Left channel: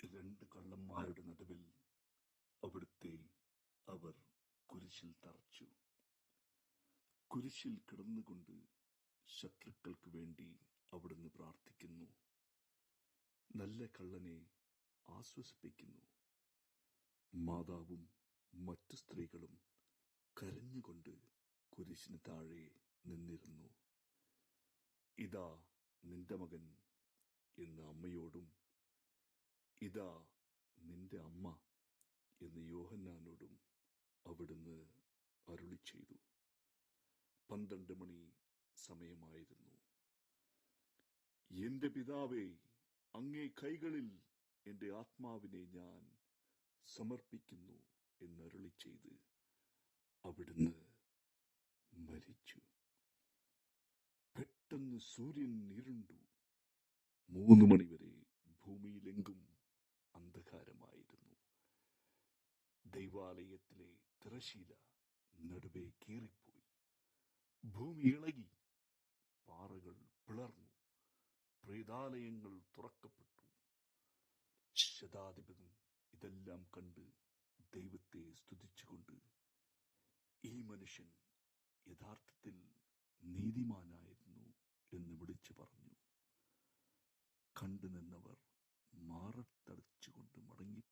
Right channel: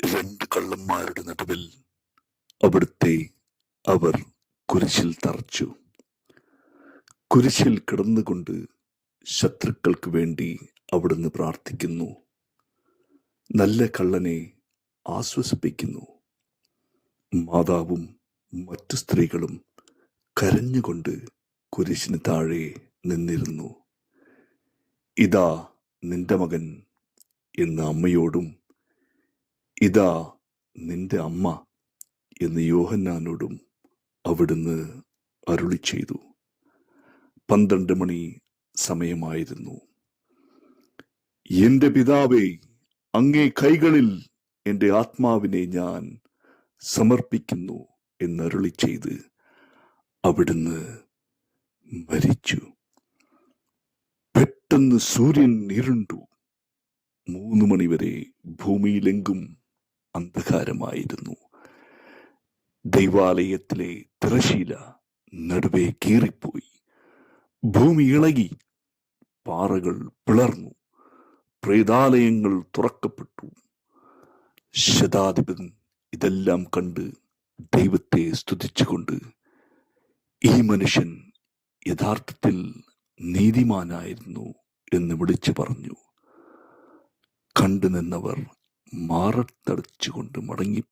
രണ്ട് കള്ളന്മാരുടെ നടുവിൽ അവിടുത്തെ അവർ കുരിശിൽ തറച്ചു. കുരിശിൽ കിടന്നുകൊണ്ട് ശത്രുക്കൾക്ക് വേണ്ടി അവിടുന്ന് പ്രാർത്ഥിക്കുന്നു. നല്ല കള്ളനെ ആശ്വസിപ്പിക്കുന്നു. മാതാവും മറ്റു സ്ത്രീകളും കരഞ്ഞുകൊണ്ട് കുരിശിന് താഴെ നിന്നിരുന്നു. ഇതാ നിന്റെ മകൻ എന്ന് അമ്മയോടും ഇതാ നിന്റെ അമ്മ എന്ന് യോഹന്നാനോടും അവിടുന്ന് അരുളി ചെയ്തു. 12 മണി സമയമായിരുന്നു. എന്റെ പിതാവേ, അങ്ങേ കൈകളിൽ എന്റെ ആത്മാവിനെ ഞാൻ സമർപ്പിക്കുന്നു എന്നരുളി ചെയ്ത് അവിടുന്ന് മരിച്ചു. പെട്ടെന്ന് സൂര്യൻ ഇരുണ്ടു. 3 മണിവരെ ഭൂമിയിലെങ്കും അന്ധകാരമായിരുന്നു. ദൈവാലയത്തിലെ തിരശീല നടുവേ കീറിപ്പോയി. ഭൂമി ഇളകി, പാറകൾ പിളർന്നു, പ്രേതാലയങ്ങൾ തുറക്കപ്പെട്ടു. ശതാധിപൻ ഇതെല്ലാം കണ്ട് ദൈവത്തെ സ്തുതിച്ചുകൊണ്ട്, ഈ മനുഷ്യൻ യഥാർത്ഥത്തിൽ നീതിമാനായിരുന്നു എന്ന് വിളിച്ചു പറഞ്ഞു. കണ്ടു നിന്നവർ മാറത്തടച്ചുകൊണ്ട് മടങ്ങി.